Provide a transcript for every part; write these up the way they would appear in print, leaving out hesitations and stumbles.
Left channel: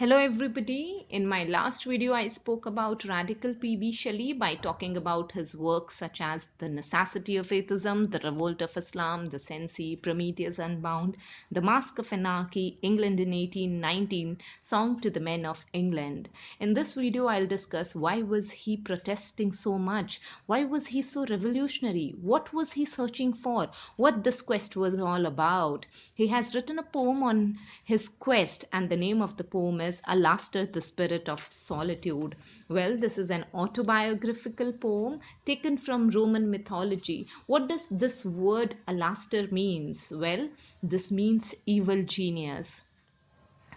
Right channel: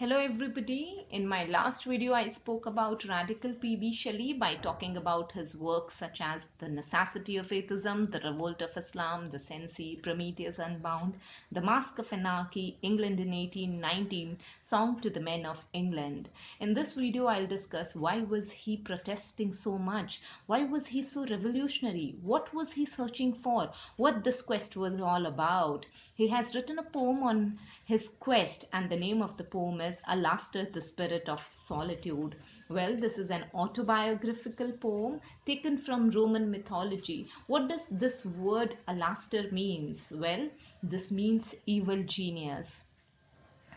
Hello everybody. In my last video I spoke about radical P.B. Shelley by talking about his works such as The Necessity of Atheism, The Revolt of Islam, The Cenci, Prometheus Unbound, The Mask of Anarchy, England in 1819, Song to the Men of England. In this video I'll discuss why was he protesting so much? Why was he so revolutionary? What was he searching for? What this quest was all about? He has written a poem on his quest, and the name of the poem is Alastor, the Spirit of Solitude. Well, this is an autobiographical poem taken from Roman mythology. What does this word Alastor means? Well, this means evil genius.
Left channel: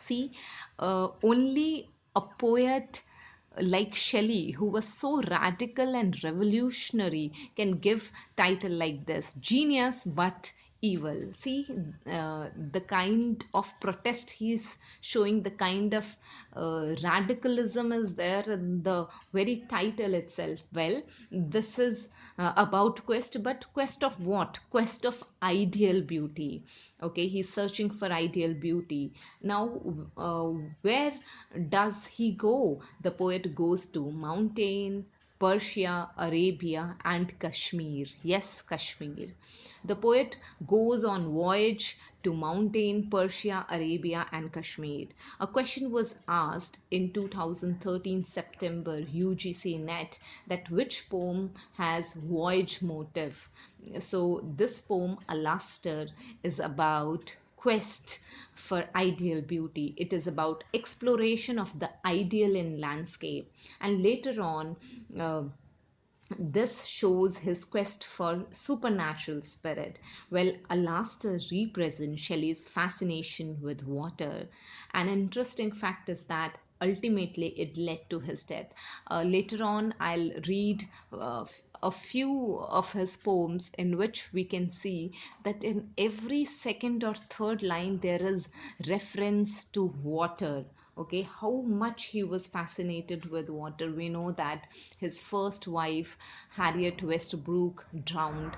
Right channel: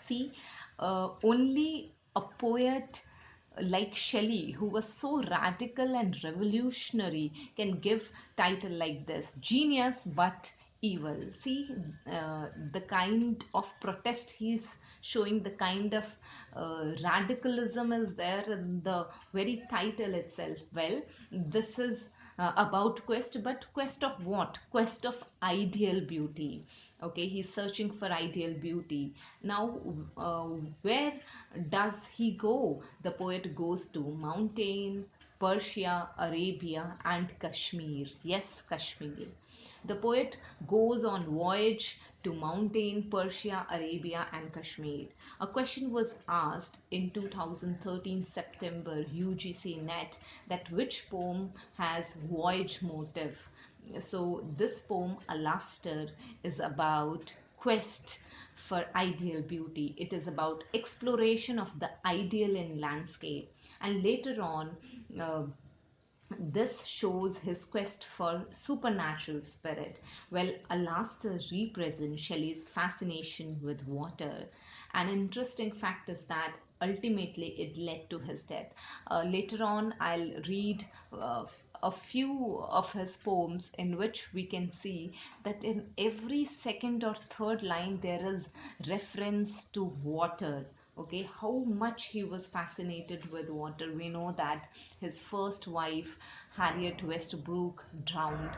See, only a poet like Shelley, who was so radical and revolutionary, can give title like this: genius but evil. See, the kind of protest he's showing, the kind of radicalism is there in the very title itself. Well, this is about quest, but quest of what? Quest of ideal beauty. Okay, he's searching for ideal beauty. Now, uh, where does he go? The poet goes to mountain, Persia, Arabia, and Kashmir. Yes, Kashmir. The poet goes on voyage to mountain, Persia, Arabia, and Kashmir. A question was asked in 2013 September UGC net, that which poem has voyage motive. So this poem, Alastor, is about quest for ideal beauty. It is about exploration of the ideal in landscape. And later on, uh, this shows his quest for supernatural spirit. Well, Alastor represents Shelley's fascination with water. An interesting fact is that ultimately it led to his death. Later on, I'll read a few of his poems in which we can see that in every second or third line there is reference to water. Okay, how much he was fascinated with water. We know that his first wife, Harriet Westbrook, drowned.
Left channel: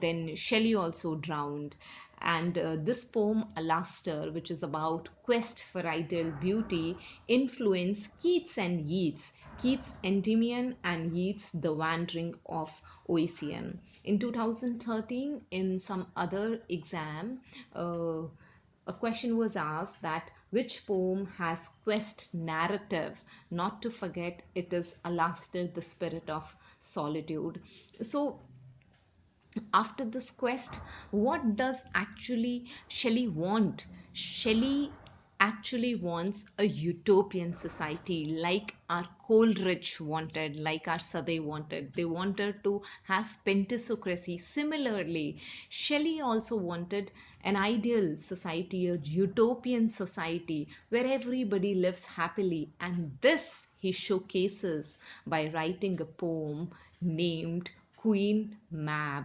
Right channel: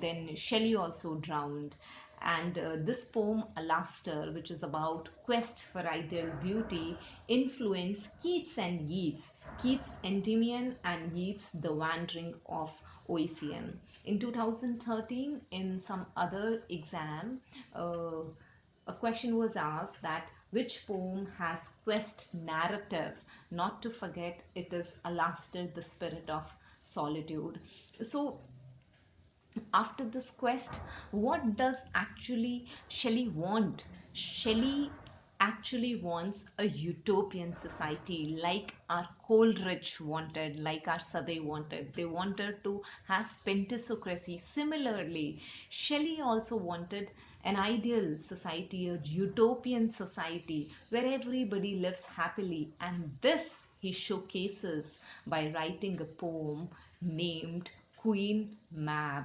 Then Shelley also drowned. And this poem, Alastor, which is about quest for ideal beauty, influenced Keats and Yeats. Keats' Endymion and Yeats' The Wandering of Ossian. In 2013, in some other exam, a question was asked that which poem has quest narrative? Not to forget, it is Alastor, the Spirit of Solitude. So after this quest, what does actually Shelley want? Shelley actually wants a utopian society like our Coleridge wanted, like our Sadeh wanted. They wanted to have pentacocracy. Similarly, Shelley also wanted an ideal society, a utopian society where everybody lives happily. And this he showcases by writing a poem named Queen Mab.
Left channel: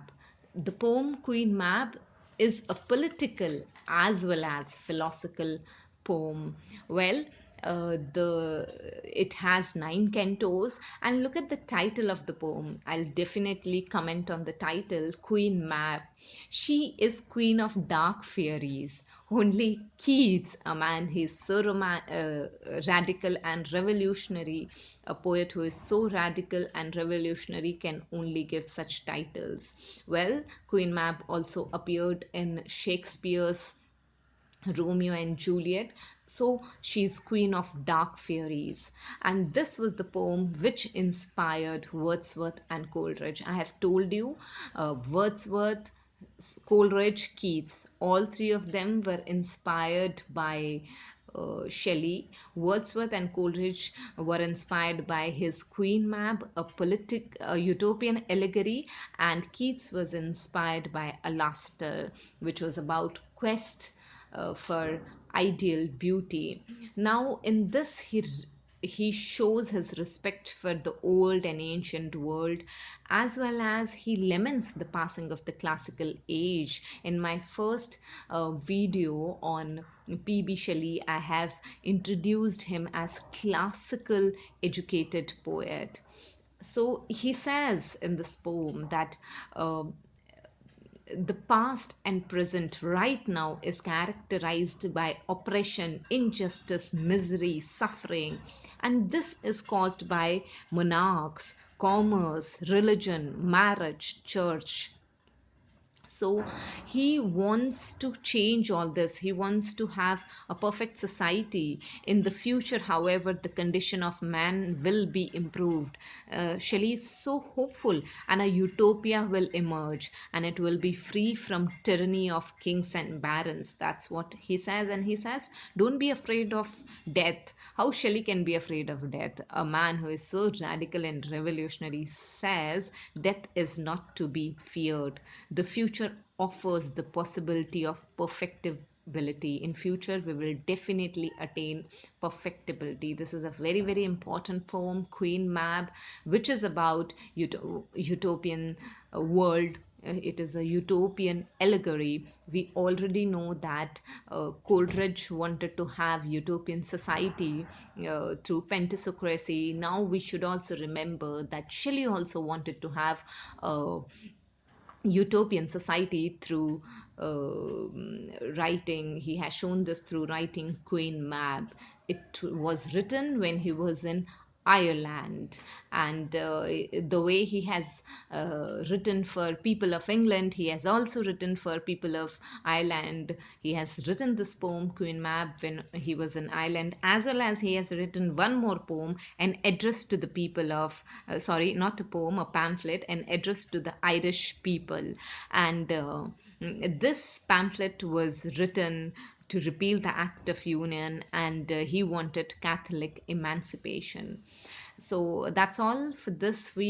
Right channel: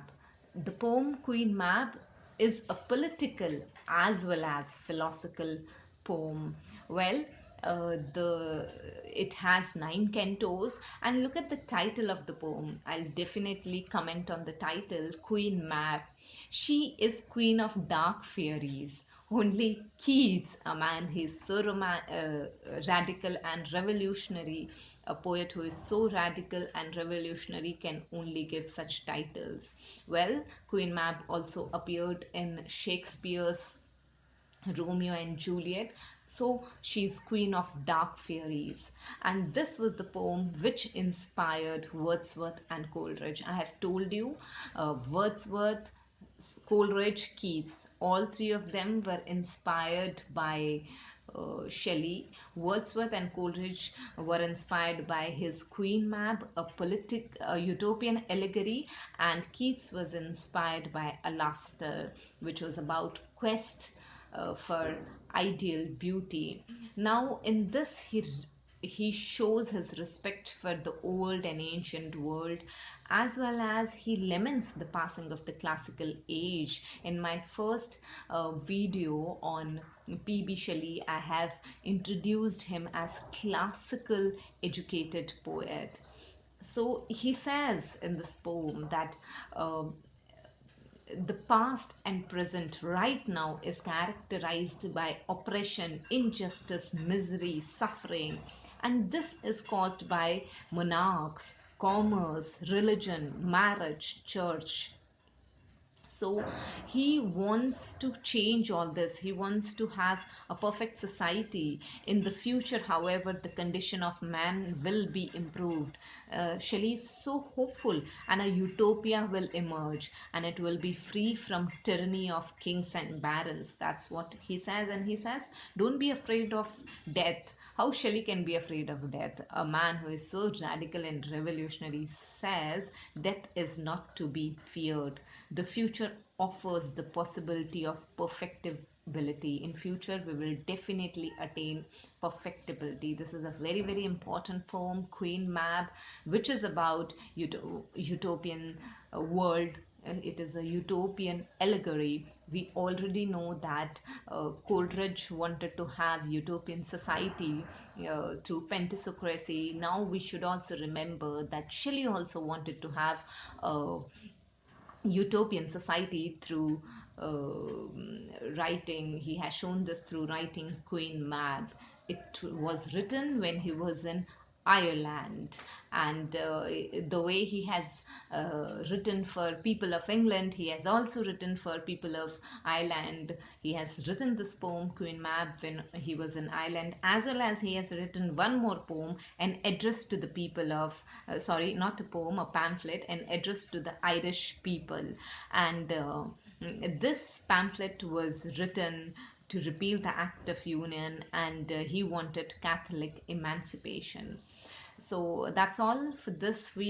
The poem Queen Mab is a political as well as philosophical poem. Well, the it has 9 cantos, and look at the title of the poem. I'll definitely comment on the title, Queen Mab. She is queen of dark fairies. Only Keats, a man he's so radical and revolutionary, a poet who is so radical and revolutionary, can only give such titles. Well, Queen Mab also appeared in Shakespeare's Romeo and Juliet. So she's queen of dark fairies. And this was the poem which inspired Wordsworth and Coleridge. I have told you, Wordsworth, Coleridge, Keats, all three of them were inspired by Shelley. Wordsworth and Coleridge were inspired by his Queen Mab, a utopian allegory, and Keats was inspired by Alastor, which was about quest for ideal beauty. Now, in this, he shows his respect for the old and ancient world, as well as he laments the passing of the classical age. In my first video on P.B. Shelley, I have introduced him as classical educated poet. So he says in this poem that uh, the past and present right now is characterized by oppression, injustice, misery, suffering, and this is caused by monarchs, commerce, religion, marriage, church. So he wants to change all this. He wants to have a perfect society in the future. However, the condition of man will be improved. Shelley is so hopeful, and a utopia will emerge, and it will be free from tyranny of kings and barons. That's what he says. And he says, don't be afraid of death. How Shelley can be afraid of death? A man who is so radical and revolutionary says death is not to be feared. The future offers the possibility of perfectibility. In future, we will definitely attain perfectibility. This is a very, very important poem, Queen Mab, which is about utopian world. It is a utopian allegory. We already know that Coleridge wanted to have utopian society through pentecracy. Now we should also remember that Shelley also wanted to have utopian society through writing. He has shown this through writing Queen Mab. It was written when he was in Ireland, and the way he has written for people of England, he has also written for people of Ireland. He has written this poem Queen Mab when he was in Ireland, as well as he has written one more poem, an address to the people of sorry, not a poem, a pamphlet, an address to the Irish people. And this pamphlet was written to repeal the Act of Union, and he wanted Catholic emancipation. So that's all for this video.